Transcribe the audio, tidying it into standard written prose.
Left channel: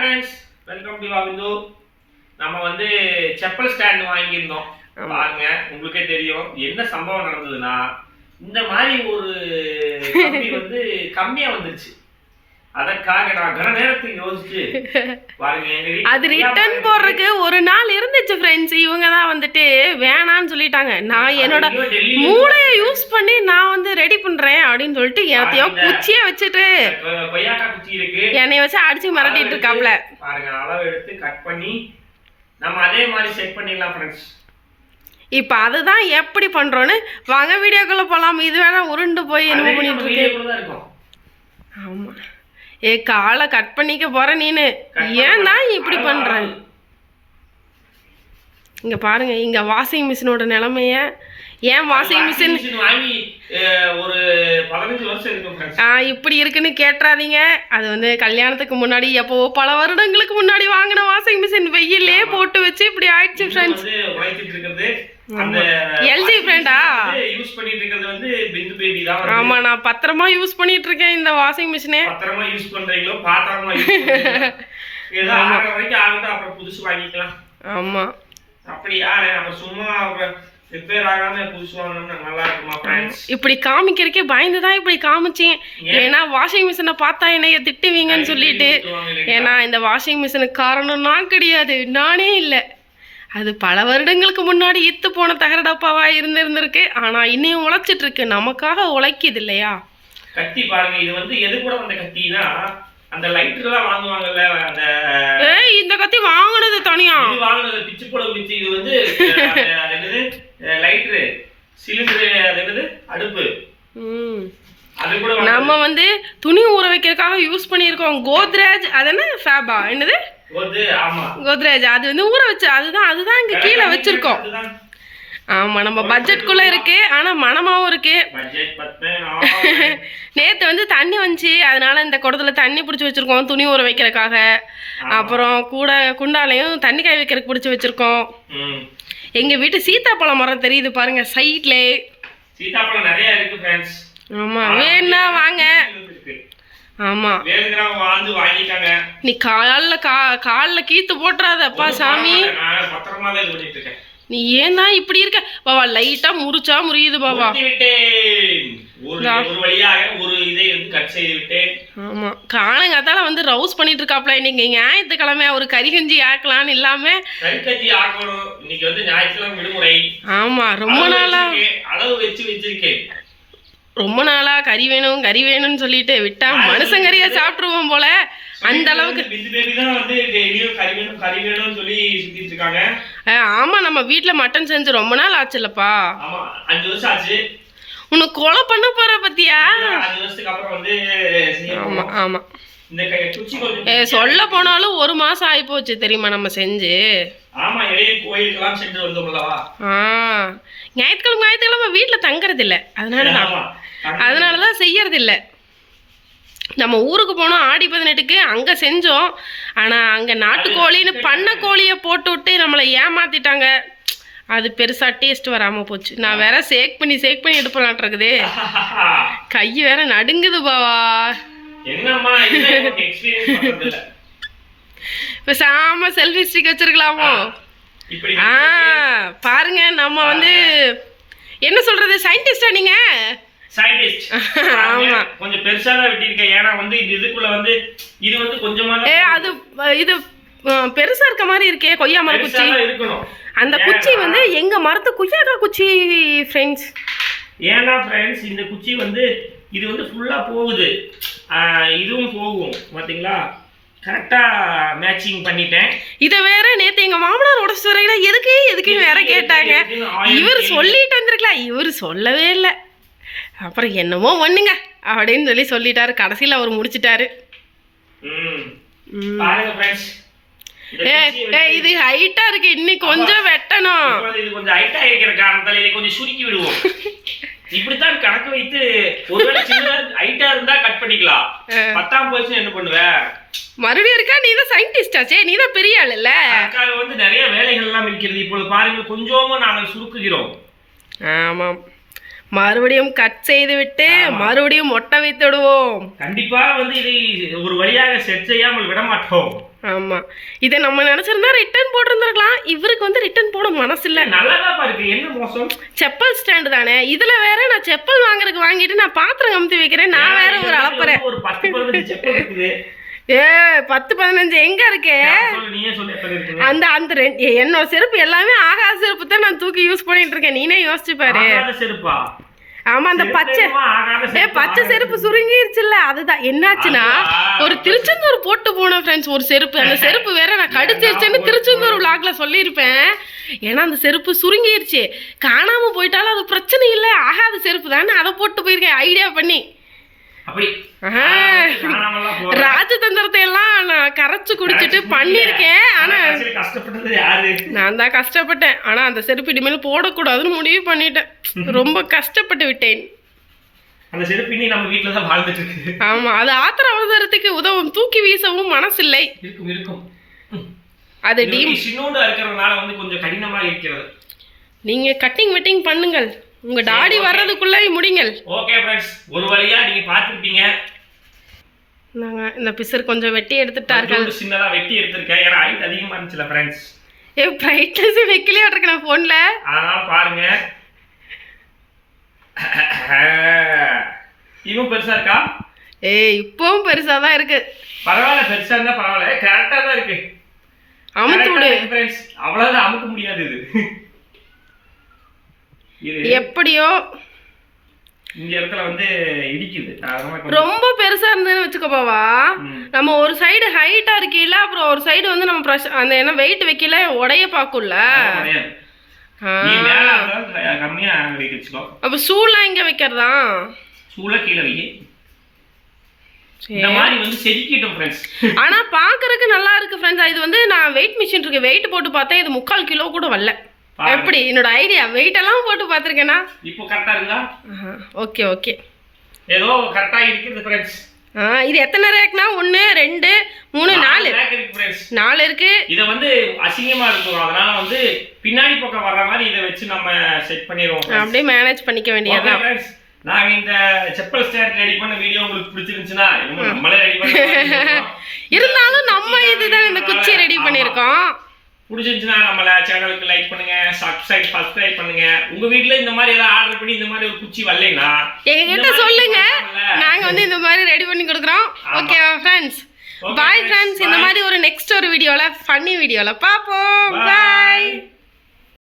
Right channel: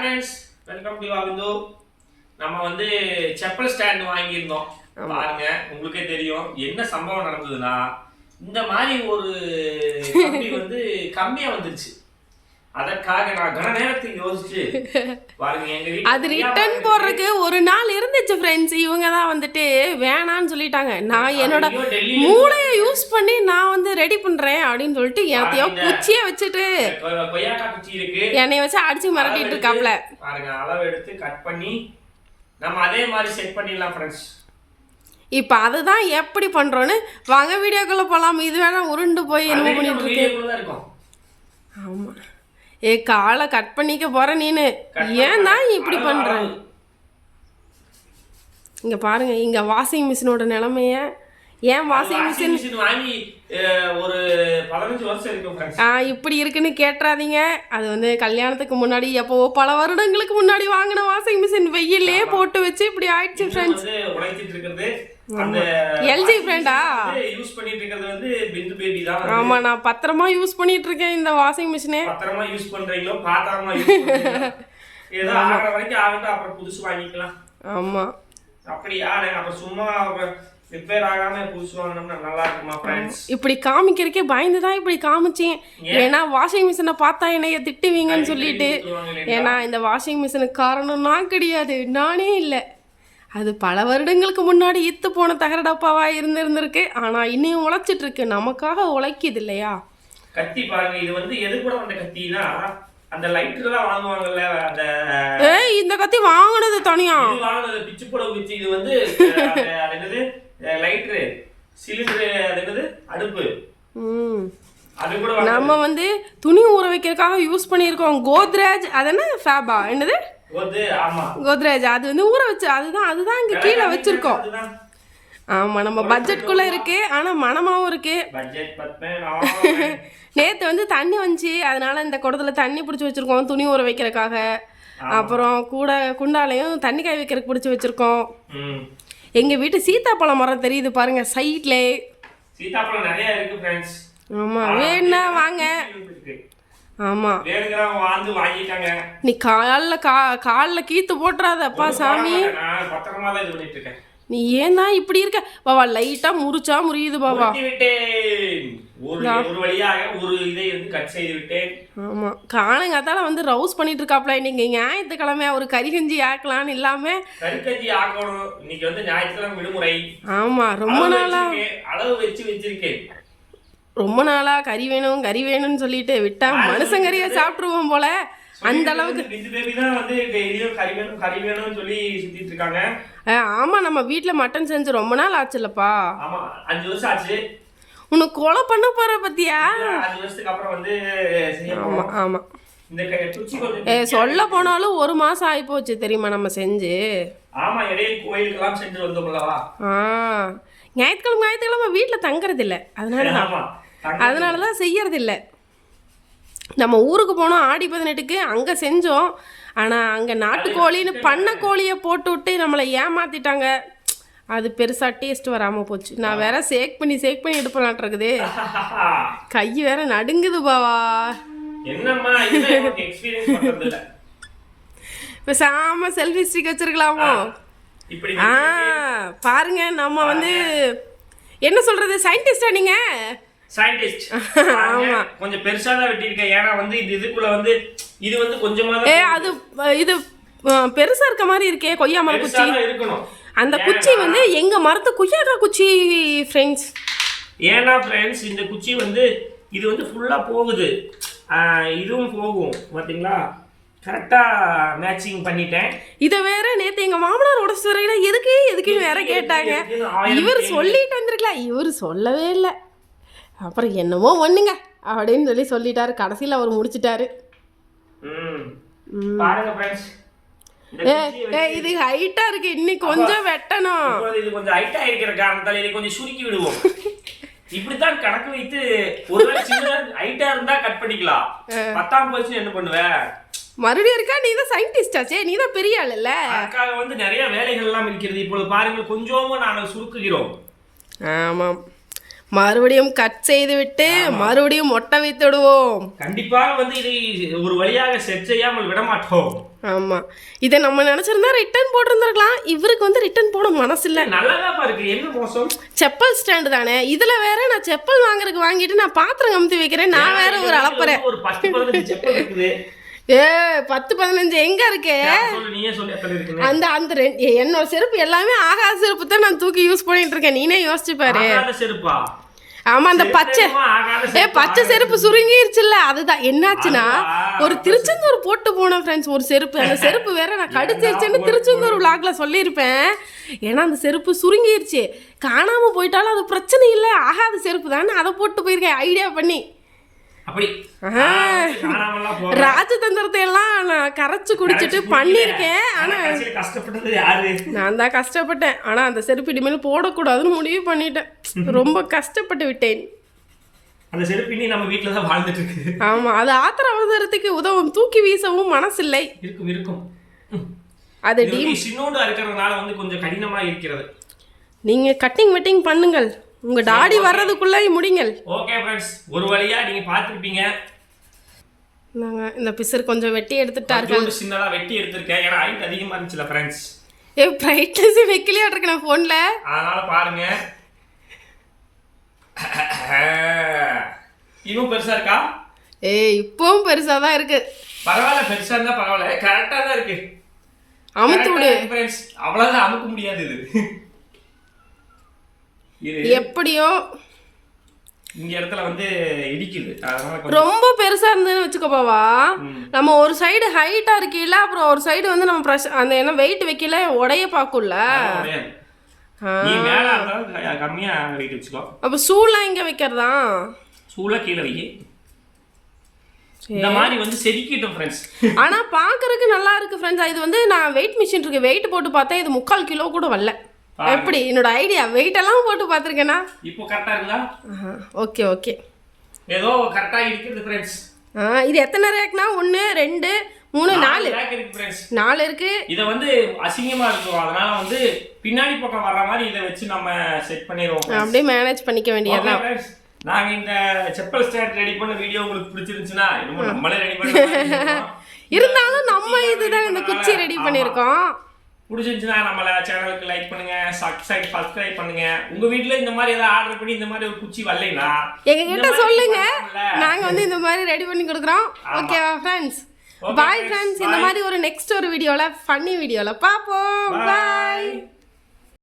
Friends, welcome to வாவிந்து. நம்ம வந்து chappal stand வாங்கியிருந்தோம். பாருங்க, உங்களுக்கே தெரியும் என்ன சம்பவம் நடந்ததுன்னா, இந்த மாதிரி ஒரு கம்பி வந்து கம்மியா வந்துருச்சு. அதற்காக நான் கன நேரத்துக்கு யோசிச்சு பாருங்க, அது ரிட்டர்ன் போடுறதுக்கு ஒரு நாள் இருந்துச்சு ஃப்ரெண்ட்ஸ். இவங்க தான் வந்துட்டு வேணான்னு சொல்லிட்டாங்க. நான் என்னோட மூளையை யூஸ் பண்ணி நான் வந்து ரெடி பண்றேன் அப்படின்னு சொல்லிட்டு எத்தையோ குச்சியை வச்சுட்டு கொய்யாக்கா குச்சி இருக்கு, என்னைய வச்சு அடிச்சு மிரட்டிட்டு இருக்காப்ல. பாருங்க, அளவு எடுத்து கட் பண்ணி நம்ம அதே மாதிரி செட் பண்ணிடலாம் ஃப்ரெண்ட்ஸ். இப்போ அதுதான் எப்படி பண்றோன்னு வாங்க வீடியோக்குள்ள போலாம். இது வேணா உருண்டு போய் என்ன பண்ணிட்டு இருக்கு. ஆமா, காலை கட் பண்ணிக்க போற நீனு, ஏன் தான் இப்படி பண்ற? இங்க பாருங்க, இங்க வாஷிங் மிஷினோட நிலைமைய. ஏன் வாஷிங் மிஷின் வாங்கி ஒரு 15 வருஷம் இருக்கும் ஃப்ரெண்ட்ஸ். இப்படி இருக்குன்னு கேட்றாதீங்க. அது வந்து கல்யாணத்துக்கு முன்னாடி எப்போ பல வருடங்களுக்கு முன்னாடி வாங்கின வாஷிங் மிஷின் வெயிலே போட்டு வச்சு இப்படி ஆயிடுச்சு ஃப்ரெண்ட்ஸ். உழைச்சிட்டு இருக்கிறது அந்த எல்ஜி பிராண்டா யூஸ் பண்ணிட்டு இருக்கிறது வந்து பிந்து பேபி தான். ஆமா, நான் பத்திரமா யூஸ் பண்ணிட்டு இருக்கேன் இந்த வாஷிங் மிஷினை. பத்திரமா யூஸ் பண்றீங்களோ பாத்திரமா யூஸ் பண்றீங்களோ ஏதோ ஆற வரைக்கும் ஆகட்டும், அப்புறம் புதுசு வாங்கிக்கலாம். ஆமா, அப்படியா? அப்ப சும்மா ரிப்பேர் ஆகாம புதுசு வாங்கினோம்னா நல்லா இருக்குமா ஃப்ரெண்ட்ஸ்? இப்படி காமிக்கிறதுக்கே பயந்து தான் இப்படி காமிச்சேன். ஏன்னா வாஷிங் மிஷினை பார்த்தா என்னைய திட்டுவீங்கன்னு சொல்லிட்டு. ஏன்னா இந்த வாஷிங் மிஷினுக்கு காரணம் நான் கிடையாது, நானே இல்லை. அது பல வருடங்களுக்கு முன்னாடி இத்து போன தகர டப்பாவா இருந்திருக்கு. ஆனா இன்னும் உழைச்சிட்டு இருக்கு, நமக்காக உழைக்குது இல்லையா? கத்தி பாருங்க, இது வந்து எது கூட வந்த கத்தினா அந்த லைட்டர்லாம் வாங்குவாங்கல்ல, அந்த இந்த கத்தி வாங்குனது தனியா வாங்குனது பிச்சு போட பிச்சு. இது வந்து அது என்னது லைட்டர் சிலிண்டர், அது என்னது அடுப்பு. அது கூட நம்ம வந்து துணி ஊற வைக்கிறதுக்காக யூஸ் பண்ணியிருக்கோம் கோத்ரேஜ். அது என்ன ஃபேபா என்னது கோத்ரேஜ், அது வந்து ஊற வச்சு அதுதான் இங்க கீழே வச்சிருக்கோம். ஆமா, நம்ம பட்ஜெட்குள்ள இருக்கு, ஆனா மனமாவும் இருக்கு. நேத்து வந்து தண்ணி வந்துச்சு, அதனால இந்த குடத்துல தண்ணி பிடிச்சி வச்சிருக்கோம் துணி ஊற வைக்கிறதுக்காக. அப்புறம் கூட குண்டாலையும் தண்ணி காய வைக்கிறதுக்கு பிடிச்சி வச்சிருக்கோம். எங்க வீட்டு சீத்தாப்பழம் மரம் தெரியுது பாருங்க சைட்ல. சீத்தாப்பழம் நிறைய இருக்கு ஃப்ரெண்ட்ஸ். ஆமா, வேணா வாங்க. ஆமா, நீ காலில் கீத்து போட்டுறாத அப்பா சாமி. நீ ஏன் தான் இப்படி இருக்க பாபா? லைட்டா முறிச்சா முறியுது பாபா. ஆமா, காலங்காத்தால வந்து ரவுஸ் பண்ணிட்டு இருக்காப்ல. இன்னைக்கு ஞாயிற்றுக்கிழமை ஒரு கறிகஞ்சி ஆக்கலான்னு இல்லாம. ஆமா, ரொம்ப நாளா கறி வேணும்னு சொல்லிட்டு விட்டா மனுஷங்கறியா சாப்பிட்டுருவோம் போல. அந்த அளவுக்கு ஆமா, நம்ம வீட்டுல மட்டன் செஞ்சு ரொம்ப நாள் ஆச்சுல்லப்பா. 5 வருஷம் ஆச்சு. உனக்கு கொலை பண்ண போற பத்தியா? ஆமா ஆமா, சொல்ல போனாலும் 1 மாசம் ஆகி போச்சு தெரியுமா நம்ம செஞ்சு. ஞாயிற்றுக்கிழமை வீட்டில் தங்கறது இல்லை, அதனாலதான் செய்யறது இல்லை. நம்ம ஊருக்கு போனோம் ஆடி 18க்கு, அங்கே செஞ்சோம். ஆனால் அங்கே நாட்டுக்கோழின்னு பண்ணை கோழியை போட்டு விட்டு நம்மளை ஏமாத்திட்டாங்க. அது பெருசாக டேஸ்ட் வராமல் போச்சு. நான் வேற சேக் பண்ணி எடுப்பலான் இருக்குது. கை வேற நடுங்குது பாவா. பேசாம செல்ஃபி ஸ்டிக் வச்சிருக்கலாமோ? பாருங்க, நம்ம வந்து என்ன சொல்றது, சயின்டிஸ்டா நீங்க? சயின்டிஸ்ட். ஆமா, கொஞ்சம் பெருசா தான் வெட்டிருக்கேன். ஏன்னா வந்து இதுக்குள்ள வந்து இது வந்து கொஞ்சமா அது இது பெருசா இருக்க மாதிரி இருக்கே கொய்யா மர குச்சி இருக்கணும். அந்த குச்சி வந்து எங்க மரத்து கொய்யாக்கா குச்சி ஃப்ரெண்ட்ஸ். ஏன்னா ஃப்ரெண்ட்ஸ், இந்த குச்சி வந்து இது வந்து ஃபுல்லா போகுது, இதுவும் போகும் பாத்தீங்களா? கரெக்டா மேட்சிங் பண்ணிட்டேன். இதை வேற நேற்று எங்க மாமனார் உடச்சு வரையில எதுக்குன்னு வேற கேட்டாங்க. இவர் சொல்லிட்டு வந்திருக்கலாம், இவர் சொல்லவே இல்லை. அப்புறம் என்னமோ ஒண்ணுங்க அப்படின்னு சொல்லிட்டாரு. கடைசியில் அவர் முடிச்சிட்டாரு. இது ஹைட்டா இருக்கு, இன்னைக்கு கொஞ்சம் வெட்டணும். இது கொஞ்சம் ஹைட்டா இருக்கிற காரணத்தால இதை கொஞ்சம் சுருக்கி விடுவோம். இப்படித்தான் கணக்கு வைத்து ஒருவேளை சின்ன ஹைட்டா இருந்தா கட் பண்ணிக்கலாம். 10ஆம் போச்சு என்ன பண்ணுவ? மறுபடியும் இருக்கா? நீ தான் சயின்டிஸ்டாச்சே, நீ தான் பெரிய ஆள் இல்ல? அதுக்காக வந்து நிறைய வேலைகள் எல்லாம் இருக்கிறது. இப்போ பாருங்க, கொஞ்சமா நாங்கள் சுருக்குகிறோம். ஆமாம், மறுபடியும் கட் செய்து விட்டு மறுபடியும் ஒட்ட வைத்து விடுவோம். கண்டிப்பா வந்து இதை ஒரு வழியாக செட் செய்யாமல் விட மாட்டோம். ஆமா, இதை நம்ம நினைச்சிருந்தா ரிட்டர்ன் போட்டிருந்திருக்கலாம். இவருக்கு வந்து ரிட்டர்ன் போட மனசு இல்ல. நல்லாதான் இருக்கு, என்ன மோசம். செப்பல் ஸ்டாண்டு தானே, இதுல வேற நான் செப்பல் வாங்குறதுக்கு வாங்கிட்டு நான் பாத்திரம் கமுத்தி வைக்கிறேன், நான் வேற ஒரு அளப்புறேன். ஒரு 10-15 செப்பல் இருக்குது. 10-15 எங்க இருக்கு? அந்த அந்த என்னோட செருப்பு எல்லாமே ஆகாத செருப்பு தான் நான் தூக்கி யூஸ் பண்ணிட்டு இருக்கேன். நீனே யோசிச்சு பாரு. ஆமா, அந்த பச்சை செருப்பு சுருங்கிருச்சுல்ல, அதுதான் என்னாச்சுன்னா ஒரு திருச்செந்தூர் போட்டு போனேன் ஃப்ரெண்ட்ஸ் ஒரு செருப்பு. அந்த செருப்பு வேற நான் கடிச்சிருச்சேன்னு திருச்செந்தூர் விளாக்ல சொல்லியிருப்பேன். ஏன்னா அந்த செருப்பு சுருங்கிருச்சு, காணாம போயிட்டாலும் அது பிரச்சனை இல்லை, ஆகாத செருப்பு தானே, அதை போட்டு போயிருக்கேன் ஐடியா பண்ணி. ராஜதந்திரத்தை எல்லாம் நான் கரைச்சு குடிச்சிட்டு பண்ணிருக்கேன். ஆனா நான் தான் கஷ்டப்பட்டேன். ஆனா அந்த செருப்பு இனிமேல் போடக்கூடாதுன்னு முடிவு பண்ணிட்டேன். ரொம்ப கஷ்டப்பட்டு விட்டேன். அந்த செருப்பு இனி நம்ம வீட்ல தான் வாழ்ந்துட்டு இருக்கு. ஆமா, அது ஆத்திர அவசரத்துக்கு உதவும், தூக்கி வீசவும் மனசில்லை. இருக்கும் அது சின்னோண்டா இருக்கிறதுனால வந்து கொஞ்சம் கடினமா இருக்கிறது. நீங்க கட்டிங் வெட்டிங் பண்ணுங்கள், உங்க டாடி வர்றதுக்குள்ள முடிங்கள். ஓகே ஃப்ரெண்ட்ஸ், ஒரு வழியா நீங்க பாத்துட்டீங்க. நாங்க இந்த பிசர் கொஞ்சம் வெட்டி எடுத்துட்டார்கள். சின்னதா வெட்டி எடுத்துர்க்கேன், ஏன்னா ஹைட் அதிகமா இருந்துச்சுல ஃப்ரெண்ட்ஸ். பிரைட்னஸ் வைக்கலையா இருக்கு நான் போன்ல, அதனால பாருங்க. இன்னும் பெருசா இருக்கா? இப்பவும் பெருசா தான் இருக்கு. பரவாயில்ல, பெருசா இருந்தா பரவாயில்ல, கரெக்டா தான் இருக்கு. அமுத்து விடு ஃப்ரெண்ட்ஸ், அவ்வளவுதான், அமுக்க முடியாது. இது எப்படியோ இந்த இடத்துல வந்து இடிக்குது. ரொம்ப பெருசா இருந்ததுன்னு வச்சுக்கோப்பாவா, நம்ம ஒரு சைடு ஹைட்டா இருக்கீல்ல, அப்புறம் ஒரு சைடு வந்து நம்ம அந்த என்ன வெயிட் வைக்கல உடைய பாக்கும்ல. கம்மியா வச்சுக்கோ. அப்ப சூளெல்லாம் எங்க வைக்கிறதா? சூளை கீழே வை. இந்த மாதிரி வந்து செதுக்கிட்டோம் ஃப்ரெண்ட்ஸ். ஆனா பாக்குறதுக்கு நல்லா இருக்கு ஃப்ரெண்ட்ஸ். இது வந்து நான் வெயிட் மிஷின் இருக்கு, வெயிட் போட்டு பார்த்தேன், இது 3/4 கிலோ கூட வரல. எப்படி என்னோட ஐடியா வெயிட் எல்லாம் போட்டு பார்த்துருக்கேனா? இப்போ கரெக்டா இருக்குதா? ஓகே ஓகே, ஏதோ கரெக்டா இருக்குது ஃப்ரெண்ட்ஸ். இது எத்தனை ரேக்னா? 1 2 3 4 ரேக் இருக்கு ஃப்ரெண்ட்ஸ். 4 இருக்கு. இத வந்து அசிங்கமா இருக்கும், அதனால வந்து பின்னாடி பக்கம் வர்ற மாதிரி இத வச்சு நம்ம செட் பண்ணிடுவோம். அப்படியே மேனேஜ் பண்ணிக்க வேண்டியதுதான். நாங்க இந்த செப்பல் ஸ்டாண்ட் ரெடி பண்ண வீடியோ உங்களுக்கு பிடிச்சிருந்துச்சுன்னா நம்மளே ரெடி பண்ணிருக்கோம். இருந்தாலும் நம்ம இதுதான் இந்த குச்சி ரெடி பண்ணிருக்கோம். பிடிச்சிருந்துச்சுன்னா நம்மள சேனலுக்கு லைக் பண்ணுங்க, சப்ஸ்கிரைப் பண்ணுங்க. உங்க வீட்ல இந்த மாதிரி ஏதாவது ஆர்டர் பண்ணி இந்த மாதிரி ஒரு குச்சி வரலைனா எங்ககிட்ட சொல்லுங்க, நாங்க வந்து இந்த மாதிரி ரெடி பண்ணி கொடுக்குறோம். ஓகேவா ஃப்ரெண்ட்ஸ்? Bye friends. இந்த மாதிரி ஒரு நெக்ஸ்ட் ஒரு வீடியோல ஃபன்னி வீடியோல பாப்போம். பாய்.